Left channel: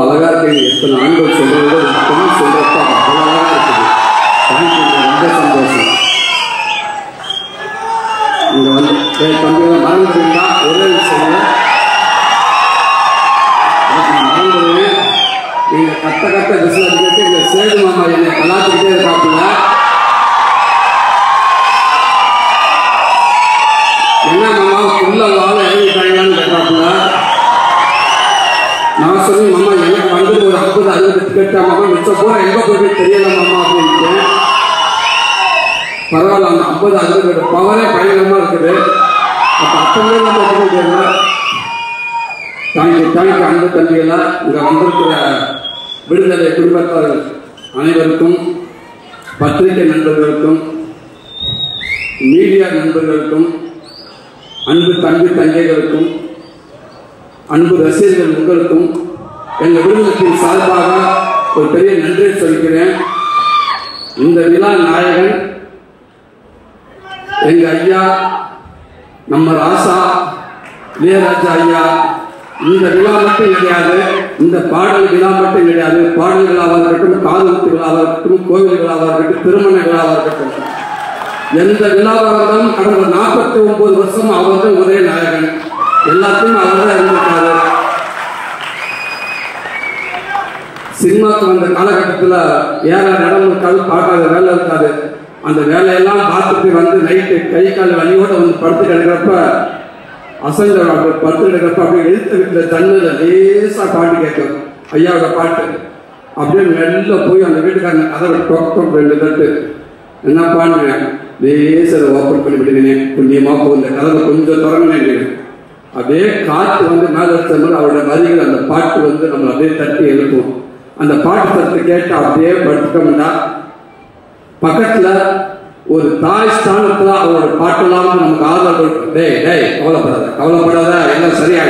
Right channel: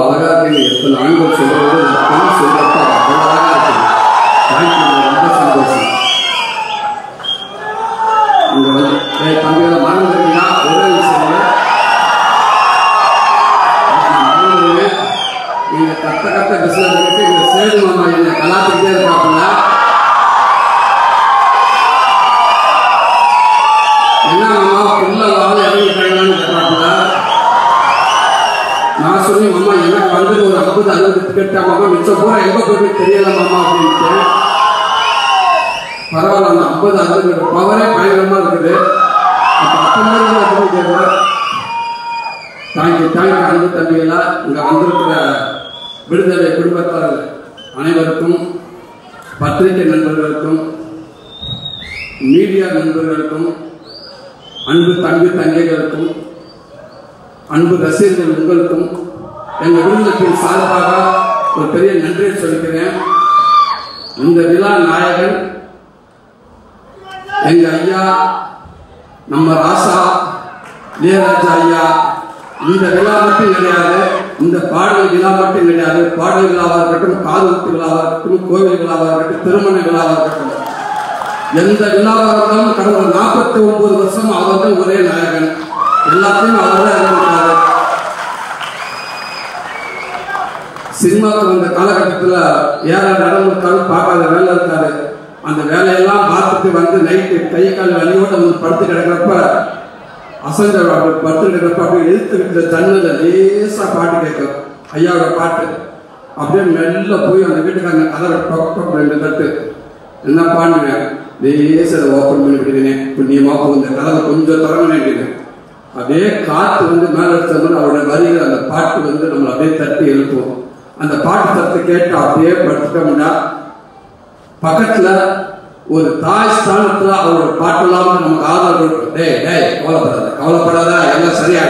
அழகா இருக்கு. எத்தனை ஆண்கள் சொல்றது சொல்றப்ப அவ்வளோ அழகா இருக்குது. ரொம்ப சந்தோஷம். தம்பியோட மறந்துருந்தா ஒரே விஷயம், நீங்க கட்ட பிசினஸ் இங்க சேது மாமா என்ன கலாத்திட்டே இருக்காப்புல. என்ன மாமா புள்ள வாழ இறங்கிட்டாங்கன்னு கேட்டாப்புல. நான் சொன்னேன் மாமா எனக்கு வந்து ஒரு 50-60 டிக்கெட் மாமா மிச்சம் போற எங்க போய் தெரியல மாமா அப்படின்ட்டு. பரவாயில்ல, அந்த 50-60 பவரே பயங்கரமா இருக்குது. அப்ப அப்ப தேங்க்யூ அன்பு தம்பிகளா, இங்க வந்திருக்கிற விடுதலை குடும்பத்தார் அனைவருக்கும், பத்திரிகை நண்பர்களுக்கும், மீடியா நண்பர்களுக்கும், அன்பு தம்பி தங்கைகளுக்கும், அன்பு ரசிகர்கள் உங்களுக்கும் எங்கள் குடும்பத்தின் சார்பாக ஒரு பெரிய நன்றியை சொல்கிறேன். இந்த விழா நாயகன் எங்க ஐயா நம்ம ராசா இளையராஜா ஐயா. இந்த விழா மட்டும் கிடையாது, இந்த பாடல் விழா மட்டும் கிடையாது. பாடல் விழாவாக இருக்கட்டும், காதல் விழாவாக இருக்கட்டும், கோவில் விழாவாக இருக்கட்டும், திருமண விழாவாக இருக்கட்டும், எந்த விழாவாக இருந்தாலும் கடந்த 49 வருஷம் அவர்கள் ஒரே நாயகன். எல்லாத்தையும் அவர் தான் இருந்திருக்காரு. சினிமாக்கு வந்த காலகட்டத்தில் ஏற இடம் இருக்காது, பார்க்காத வேலை இருக்காது. அந்த வேலையெல்லாம் பார்த்துட்டு வந்து நைட்டு கை கால் வலியோட வந்து படுத்து கிடக்கிறப்ப அசங்க படுத்து கிடக்கிறப்ப அப்படியே எழுத்து வீட்டில் தண்ணியில் லேசா பாட்டு கேட்கும், ஐயாவோட பாட்டு. அப்படியே மெல்ல போய் அந்த வீட்டுக்காரன் கதவை டொக் 2 தட்டு என்ன பாடுங்க லேசா ஓப்பன் பண்ணி விடுங்க, புண்ணியமா போகும் இந்த கதவை கொஞ்சம் திறமைங்க. அப்படியே காற்று வந்து மேல எடுத்தோம்னா அவருடைய வரிகள் அந்த பாட்டு வந்து நம்ம அப்படியே தட்டி எழுப்புவோம். அந்த பாட்டு தட்டு கேட்டு அப்படியே படுத்துட்டோம்னா பக்கத்துல ஒரு தாய் ஸ்தானத்துல அவரோட பாட்டெல்லாம் நமக்கு ஆதரவு. டேய் கவலைப்படாத எல்லாம் சரியா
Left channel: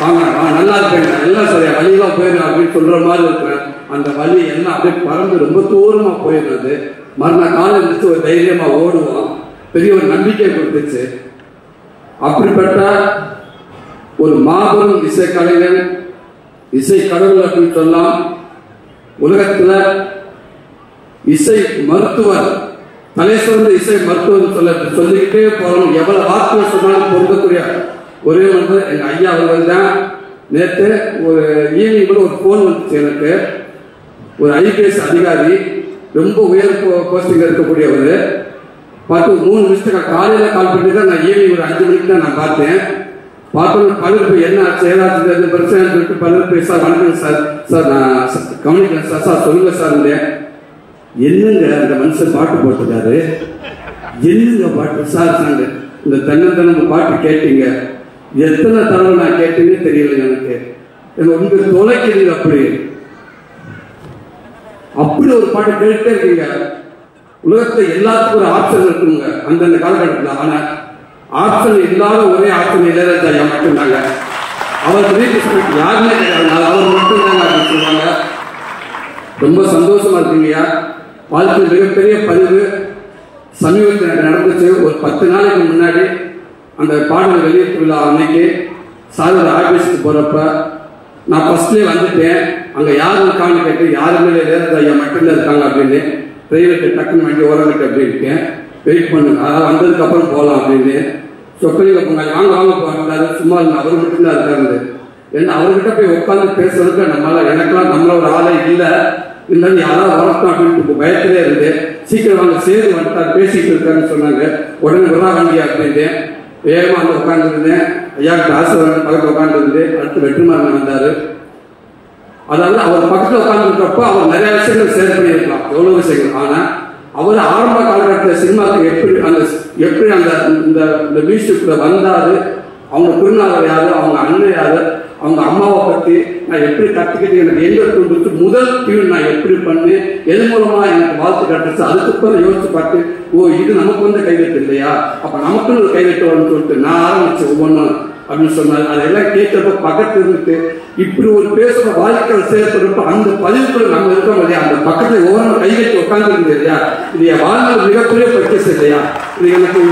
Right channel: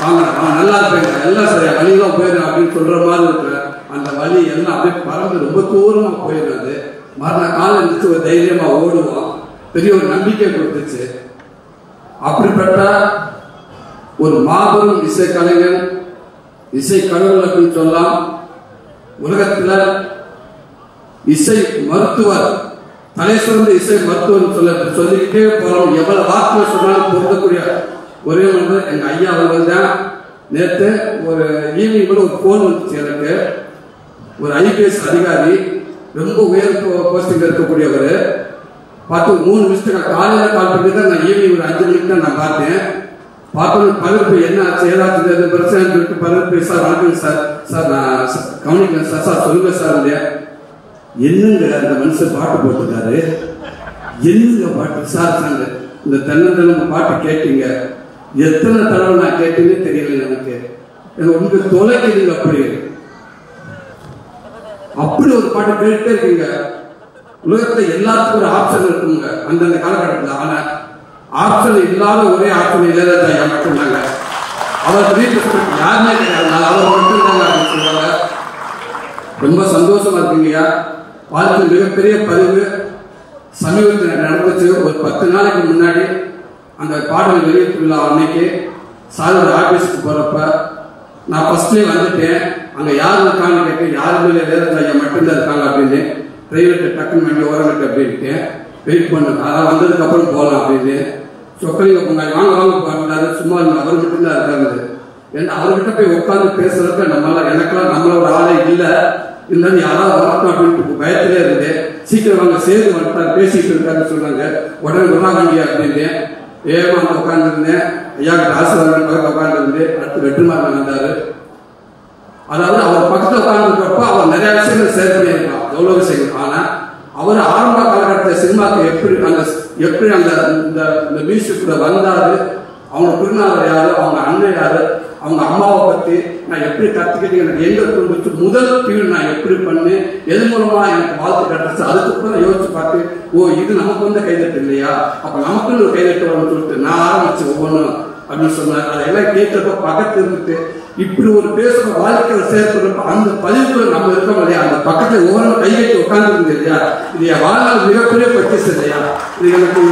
வாங்க நல்லா இருப்பேங்க, எல்லாம் சரியா வழியெல்லாம் போயிடும் அப்படின்னு சொல்ற மாதிரி இருக்கிறேன். அந்த வழி எல்லாம் அப்படியே பறந்து ரொம்ப தூரமா போயிடுறது. மறுநாள் காலம் இருந்துச்சு, ஒரு தைரியமா ஓடுவோம். பெரிய ஒரு நம்பிக்கை கொடுத்துச்சு. அப்படிப்பட்ட ஒரு மாபெரும் இசைக்கலைஞன், இசைக்கலைஞர் அப்படின்னு சொல்லலாம். உலகத்துல இசை மருத்துவர், தலை சிறந்த இசை மருத்துவர் சொல்லிக்கிட்டே போறோம். எவ்வளவு வார்த்தை சொன்னாலும் பொருந்தக்கூடிய ஒரே வந்து எங்க ஐயா அவர்கள் தான். நேற்று ஒரு ஈவினிங் கூட ஒரு போன் வந்துச்சு எனக்கு. ஒரு ஐபிஎஸ் அதிகாரி, ரொம்ப உயர் போஸ்டிங் இருக்கக்கூடியவர். பார்த்து 3 நிமிஷம் காலையில கால் பண்ணி தான் நான் ஈவினிங் ஒரு 5 மணிக்கு தான் நான் பார்த்தேன். பார்த்தோம் பலர் போய் என்ன ஆச்சு ஏதாச்சும் பிரச்சனை சொல்லிட்டு பலர் போய் சார் வணக்கம் சார் நான் கவனிக்கிறேன் சார் சொல்லுங்க சார். என்னங்க அந்த மனுஷன் பாட்டு போட்டிருக்காரு, என்னங்க பாட்டு சார் சாங்க இந்த தன்னந்தனம் பாட்டு கேட்டீங்க, எத்தனை தடவை நான் கேட்டீங்கன்னு தெரியல எனக்கு. உங்க தொலைக்கிறீங்க அப்படி ஒரு பாட்டு கேட்டே இருக்கீங்க. உலகத்துல எல்லாத்துக்கும் ஒரு ஆப்ஷன் இருக்குங்க அந்தந்த காலகட்டத்தில். ஆனா ஆப்ஷன் இல்லாத ஒரே ஆப்ஷன் இளையராஜா மட்டும்தாங்க. அவர் வீட்டு யாருமே கிடையாது, அவர் மட்டும்தாங்க அப்படின்னு சொல்லுவாங்க. ரொம்ப சந்தோஷமா இருக்குங்கய்யா. வாழ்க்கையில் மிகப்பெரிய பதிவு சமீபத்தில் நடந்துச்சு. ஒரு 10 நாளைக்கு முன்னாடி அந்த பாடல் வெளியீட்டு விழா அன்னைக்கு சாரோட ஆபீஸ்க்கு போறப்ப நான் ஃபர்ஸ்ட்லேயே வந்துட்டேன். அங்க யாரு இருக்கான்னு கேட்டு யாருமே இளையராஜா ஐயா மட்டும்தான் இருக்காங்க அப்படின்னு. டிரைவருக்கு டக்குன்னு வண்டி ஓரங்கிட்டு அப்படின்ட்டு வெயிட் பண்ணுங்க, அதான் வந்ததுக்கு அப்புறம் போகலாம் அப்படின்னு சொக்கலிங்க பொங்கல் வாங்க போறாங்க. சும்மா அவர் மட்டும்தான் இருக்காரு. ஏன்னா அவர்கிட்ட போய் உட்காந்து பேசுறதுக்கு நம்மளால எனக்கெல்லாம் நம்மளோட ஆளே இல்லை. இருந்தாலும் யாராவது வரட்டும் அப்படின்ட்டு பயத்திலே இருந்து சீக்கிரம் அவங்க சேர்ந்து வந்துட்டார் பேசிட்டு இருக்காருன்னு சொன்னாங்க. உடனே விடாதீங்க அப்படின்ட்டு வேகமாக வந்து உட்காந்துருந்தேன். ஐயாவுக்கு ஆசீர்வாதம் உட்காந்துருந்து அடுத்து வெற்றிமாறன் வந்தாரு. அதாவது அவர் பக்கத்தில் உட்காந்துருக்கிறப்போ அவர் நிறைய விஷயங்கள் ஷேர் பண்ணியிருக்கலாம், எவ்வளவு விஷயங்கள். ஆனா அவர் ஆரம்ப காலகட்டத்தில் சினிமாக்கு எப்படி அந்த மியூசிக்ல வந்தாரு, அவங்க திருநாளர் யாரு, அவங்க அண்ணன் யாரு, அவங்க அம்மாவை பத்தி நான் எப்படி கத்துக்கிட்டு எனக்கு எங்க கொண்டு முதல் டியூன் நான் எப்படி பண்ணு, எது மூலமா எனக்கு வாழ்த்து கட்டுச்சு. அதுக்கப்புறம் யோசிச்சு பார்த்து இது நமக்கு வந்து கைதட்டு இல்லையா, அப்ப நமக்குன்னு ஒரு கைதட்டு வரும்னு சொல்லிட்டு நான் ஆரம்பிச்சு ஒவ்வொன்றும் அப்படின்னு சொன்னாரு. அதெல்லாம் கேட்கிறப்ப பக்கத்து இருந்துட்டு இப்படி ஒரு பேசுற வாழ்க்கையை சேர்க்கிறப்ப அந்த பதிவுகள் நம்ம இருக்கோம் இல்லையா, அந்த பக்கத்துல ஒவ்வொரு கைகட்டி உட்கார்ந்து இருந்தது இல்லையா, இது என் வாழ்நாள் மிகப்பெரிய பர்ச்சேஸ் இல்லையா. இது எனக்கு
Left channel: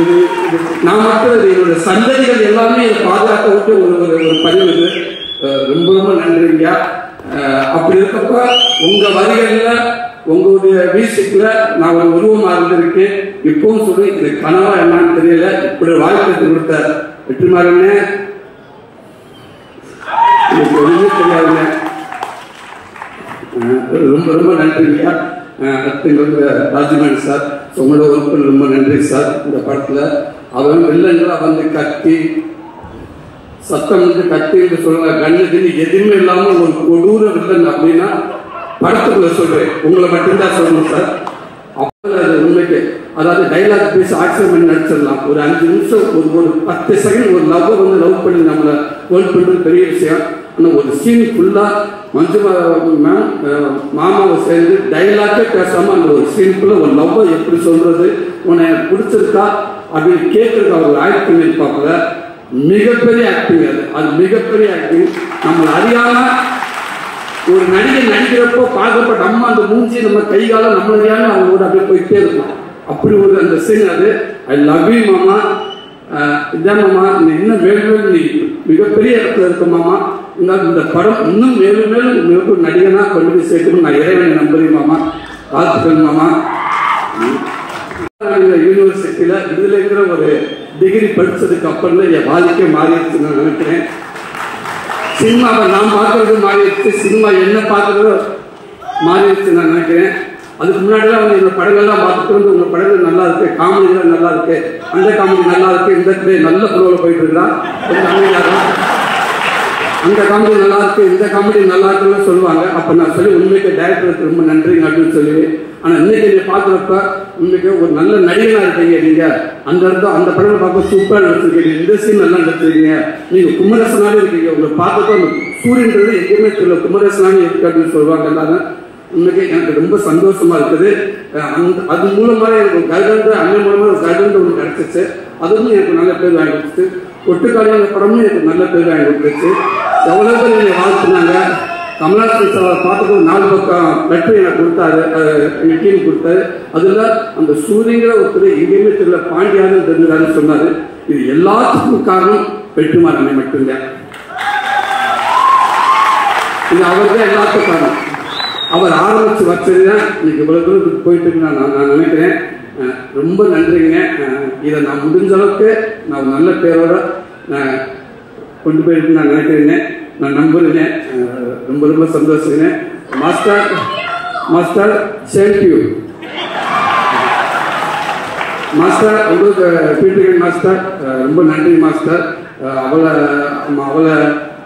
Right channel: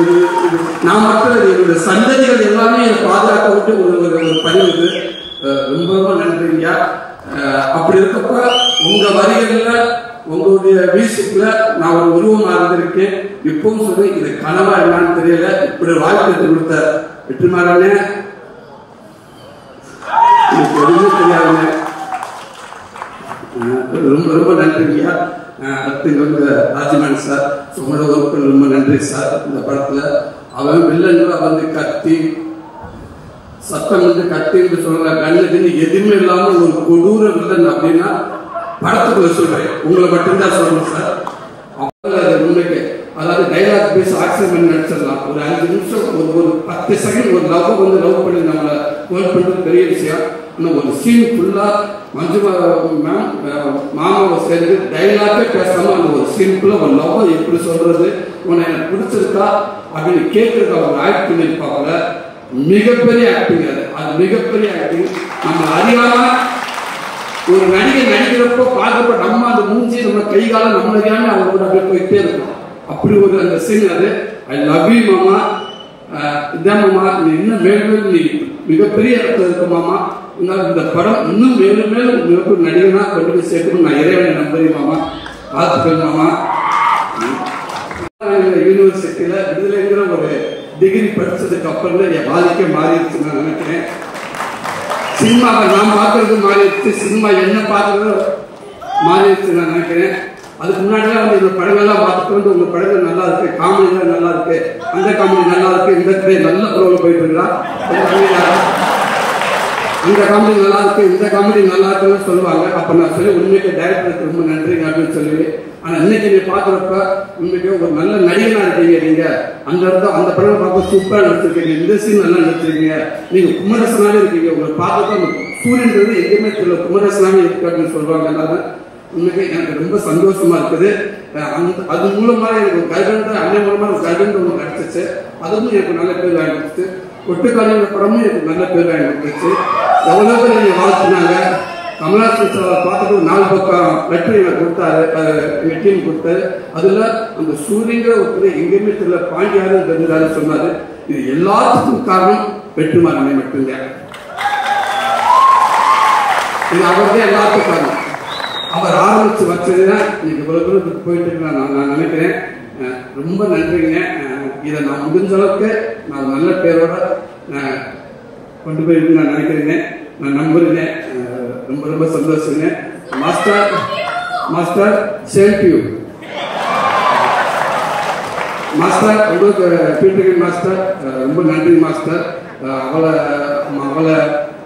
நான் மட்டும் என்னுடைய சந்ததிகள் எல்லாமே பாதுகாக்க விட்டு ஒரு பதிவு. ரொம்ப ரொம்ப நன்றிங்கய்யா. அப்படி இருக்கப்ப உங்க வரிகள்ல உங்களுடைய மியூசிக்ல நான் ஒரு உருவமா இருந்திருக்கேன். இப்பவும் சொல்லி இது கனவா என்னன்னு தெரியல. இப்படி வாழ்க்கை கொடுத்த வெற்றிமாறனே எனக்கு எதுவுமே தெரியாதுங்க. ரொம்ப ரொம்ப நன்றிங்கய்யா. அடுத்து ராஜமேன் சார் சொன்னத ஒர்க்கு ரொம்ப நன்றி சார். இந்த படத்துல அவன் வில்லன்களை வந்து கத்தி சத்தம் வந்து கத்தி என்று சொல்லுங்க கண்ணு எதுவுமே இல்லாம ஒரு கொடூர வில்லன் அப்படின்னா படத்துக்குள்ள சொல்றேன். உங்களை மட்டும்தான் சொல்லணும் சார். அப்ப உண்மைக்கு அதாவது டைலாக் பேசி ஆக்சிடென்ட் நடிச்சிடலாம். ஒரு 5 நிமிஷம் ஒரு 10 செகண்ட் ஒரு லவ்வர் வந்து லவ் பண்ணி நம்மளை ஹோல்ட் பண்றது பெரிய விஷயம். இன்னும் ஒரு சீன் ஃபுல்லா மஞ்சுமா மேம் மாமாவை சேர்ந்து டைலாக்கே பேசாம அந்த ஒரு சீனுக்குள்ள ஒரு லவ்வை எப்படி சொல்றது, உன்னை எனக்கு பிடிச்சிருக்கா அப்படின்னு கேட்கறதுக்கு அவர் ஆக்ட் பண்ணியிருப்பாங்க. மிகப்பெரிய ஆக்டிங் அது மிகப்பெரிய ஆக்டிங். நம்ம அறியாம ஒரு நடிகை நடிக்கிறப்போ பார்க்கப்ப நம்ம அந்த மூஞ்சி நம்ம கைகால நம்ம அறியாம அவங்களோட அப்படியே போயிட்டே இருக்கும். அப்படி ஒரு அந்த சீன் அது. ஐ லவ் யூ மாமா. இதான் மாமா நீ இன்னும் மேலும் நீ மிகப்பெரிய இடத்துல இருக்க மாமா. இந்த படம் இன்னும் மேலும் மேலும் உங்களுக்கு நடிகனா கொண்டு போய் சேர்க்கணும் நான் இறைவனை நம்புறேன் மாமா. பார்த்துக்கணும் மாமா. யூனிவர்சிட்டியில விடுதலைங்கிற ஒரு டிகிரி படிச்சதுக்கு அப்புறம் தான் என் வாழ்க்கை மாறிடுச்சுன்னு நான் நினைக்கிறேன். சினிமாவை நான் பார்க்கறது மாறிடுச்சு, சினிமா என்ன பார்க்கறது மாறிடுச்சு நான் நினைக்கிறேன். அதுக்கு முன்னாடிலாம் வந்து இந்த படங்கள்லாம் பார்த்துட்டு வந்து உங்க படங்கள் நல்லா இருக்கு, காமெடிலாம் நல்லா இருக்கு, அந்த காமெடி நல்லா இருக்கு, இந்த நல்ல ப்ரோல போயிட்டு இருக்கலாம், இந்த காமெடி நல்லா இருக்கு, இந்த காமெடி நல்லா இருக்குன்னு சொல்லுவாங்க. அப்ப நான் சொல்லி உண்மைக்கு டைரக்டருக்கு ரொம்ப நன்றி அப்படின்னு சொல்லுவேன். ஆனா இன்னைக்கு நீ பாக்குறப்ப உண்மைக்கு ஒரு நல்ல நடிகனா இருக்கீங்க. நீங்க அந்த இடத்துல அந்த படம் பார்க்க சூப்பரா நடிச்சிருக்கீங்க, இந்த சீன் நல்லா நடிச்சிருக்கீங்க, நீங்க குமரசனாலே இருக்கீங்க. உங்களுக்கு பார்க்கறப்ப சூரியன்றது எங்கேயுமே தெரியல, குமரசனாலே இருக்கு அப்படின்னு சொல்லுவாங்க. எல்லாரும் உண்மைக்கு எனக்கு ரொம்ப சந்தோஷமா இருக்குது. அது மூலமா எனக்கு கருடன்ற அண்ணன் மூலமா கருடன்ற ஒன்று கிடைச்சிச்சு. அது வந்து எனக்கு நல்ல பேர் வாங்கி கொடுத்துச்சு. ஒட்டுக்காலிங்க படமும் எனக்கு நல்ல பேர் வாங்கி கொடுத்துச்சு. எவ்வளவு பேர் என்னை வாழ்த்துனாங்க. கமலாசன் சார் பார்த்துட்டு 4 பக்கம் வெற்றி எனக்கு கொடுத்தாரு, எங்க டீம் கொடுத்தாரு. அதுல அந்த சூரியங்கிற ஒருத்தர் எங்கேயுமே தெரியல, பாண்டியாரும் தெரிஞ்சாருன்னு சொன்னாரு. இது எல்லாத்துக்கும் காரணம் வெற்றிமாறனை மட்டும்தான். இது அவர் தான் எல்லாத்துக்கும் காரணம். அவர் ஆரம்பிச்சு வச்சதுன்னா இன்னைக்கு இவ்வளவு தூரத்துக்கு போயிட்டு நான் நினைக்கிறேன். ரொம்ப நன்றிங்க. இதை நான் முடிஞ்ச அளவுக்கு நான் நல்ல பேரோட நான் கொண்டு போயிருக்கு நான் நினைக்கிறேங்க, நான் நம்புறேங்க. ரொம்ப ரொம்ப சந்தோஷங்க. Master same to you master. உங்களுக்கு பீட்டர் மாஸ்டர் ரொம்ப நன்றி மாஸ்டர். அவளை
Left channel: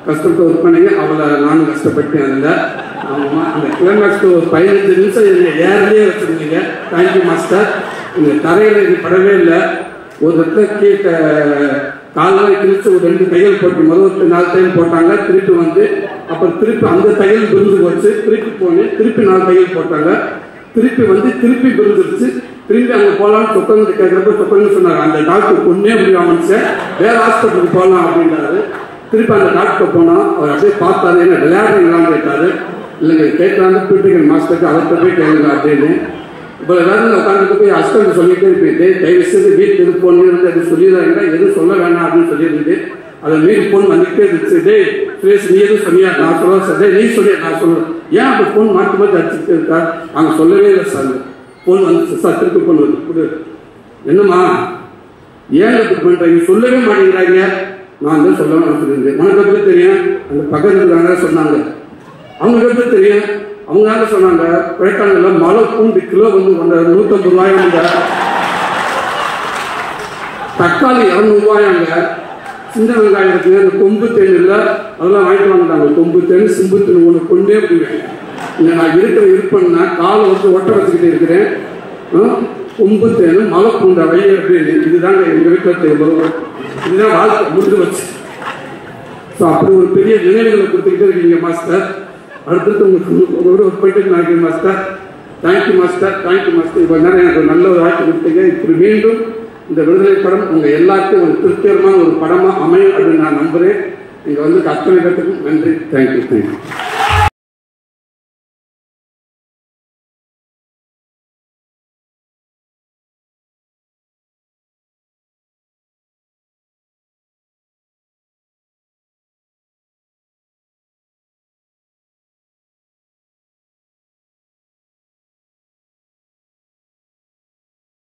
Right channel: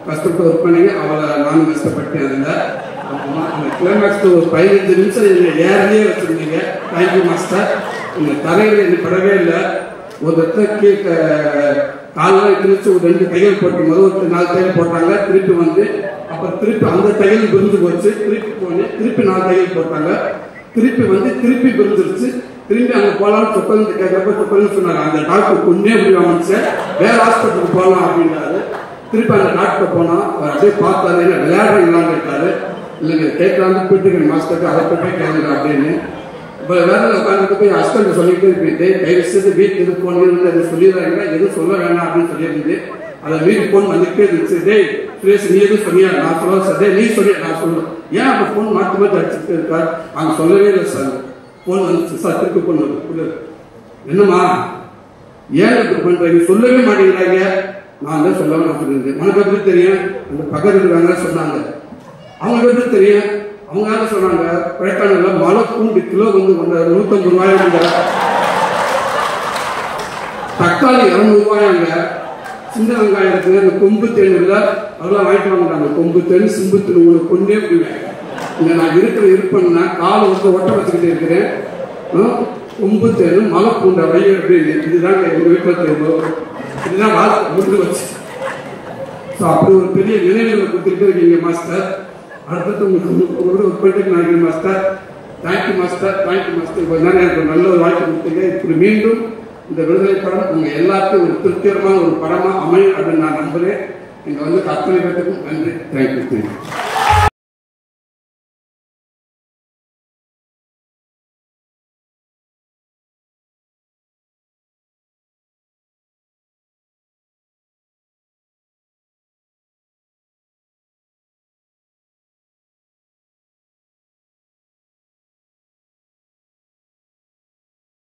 கஷ்டப்பட்டு ஒர்க் பண்ணீங்க, அவளை நானும் கஷ்டப்பட்டேன். அதில் அந்த கிளைமேக்ஸ் ஒரு 15 நிமிஷம் ஏர்லேயே வச்சிருந்தீங்க. Thank you master. உங்க தரையில இது படவே இல்லை. ஒரு இடத்துல காலெல்லாம் கிழிச்சு ஒரு 2 தையல் போட்டு முதல் 4 தையல் போட்டாங்க. திருப்பி வந்து அப்புறம் திருப்பி அந்த தையல் விருந்து போச்சு. திருப்பி போனேன், திருப்பி 4 தையல் போட்டாங்க. திருப்பி வந்து திருப்பி விருந்துருச்சு. திரும்பி அங்கே போகலான்னு சொக்கன்னு கேட்கறப்ப சொக்கன்னு சொன்னாங்க, அந்த டாக்டர் கொண்டே முடியாமச்சு வேற ஹாஸ்பிட்டலுக்கு போகலாம் அப்படின்றாரு. திருப்பி அந்த டாக்டர் போனோம். அவர் அப்படியே பார்த்தாரு, என்ன விளையாடுறீங்களான்னு கேட்டாரு. இல்லைங்க கேட்கலான்னு பீட்டர் மாஸ்டருக்கு அவர்கிட்ட போய் கேட்கல அப்படின்னு. இப்போ எல்லாரும் உட்காந்து போய் ஹஸ்பண்ட் சொல்லிட்டு இருப்பீங்க, தயவு செய்து வீட்டுக்கு எது போகணுன்னு அது சொல்லிடுறாங்க, எதுவும் சொல்ல வேண்டாம் அப்படின்னு சொல்லியிருந்து அதை மீறி போன் வந்துட்டே இருந்துச்சு. டே சுரேஷ் நீ எதுவும் சொன்னியா? நான் சொல்ல சார். நீ சொல்லி நான் சொல்லுவேன். ஏன் அப்போ போன் மாற்றி மாற்றி அடிச்சுட்டு இருக்கா? அவங்க சொல்லவே இல்லை சார். போன் வந்துச்சு சார், திருப்பி போன் வந்து என்னம்மா ஏன் இப்படி பண்றீங்க? சொல்லவே மாட்டேங்கிறாங்க. நான் தான் சொல்ல வேணாம் சொல்லியிருந்தேன். உனக்கு எப்படி தெரியும்? அந்த பக்கத்துல இருக்காங்க சொன்னாங்க. அவங்க எப்படி தெரியும்? அவங்க சொன்னாங்க, கொடைக்கானல்ல மலை பூண்டு கிலோ வந்து 150 ரூபாயாங்க, தக்காளி 200 ரூபாயாங்க, சின்ன வெங்காயம் இருக்குங்க, இந்த கொம்பு தேன் இல்லை அதெல்லாம் வாங்கிட்டு வாங்கிட்டாங்க. கொம்பு தேன் சிம்பு தேன் ஒன்று கொண்டே போயிடுவேன். இங்கே நான் இருப்பேன்னா காலை வந்து ஒட்ட வச்சுக்கிட்டே இருக்கிறேன். கொம்பு தேன் மலை பூண்டு அடைய அப்படின்னு இதுதாங்க எங்கள் வீட்டில் தேவை. இதுதான் வாழ்க்கை முடிஞ்சு வச்சு. ஸோ அப்படி ஒரு பெரிய நினைவுகளை கொடுத்துக்கிட்டே இருக்கீங்க மாஸ்டர். அடுத்தது உங்களுக்கு போயிட்டு நினைக்கிறேன் master. Thank you master, thank you master. இப்போ நேரம் எனக்கு ஒரு நல்ல ஒரு வாய்ப்பு கொடுத்தீங்க. இப்படி மீண்டும் இந்த விடுதலை படம் உங்க எல்லாருக்கும் ஒரு திருப்திகரமான ஒரு படமா அமையும் அப்படின்னு நான் நம்புறேன். இங்க வந்து அத்தனை பேருக்கும் நன்றி. தேங்க்யூ.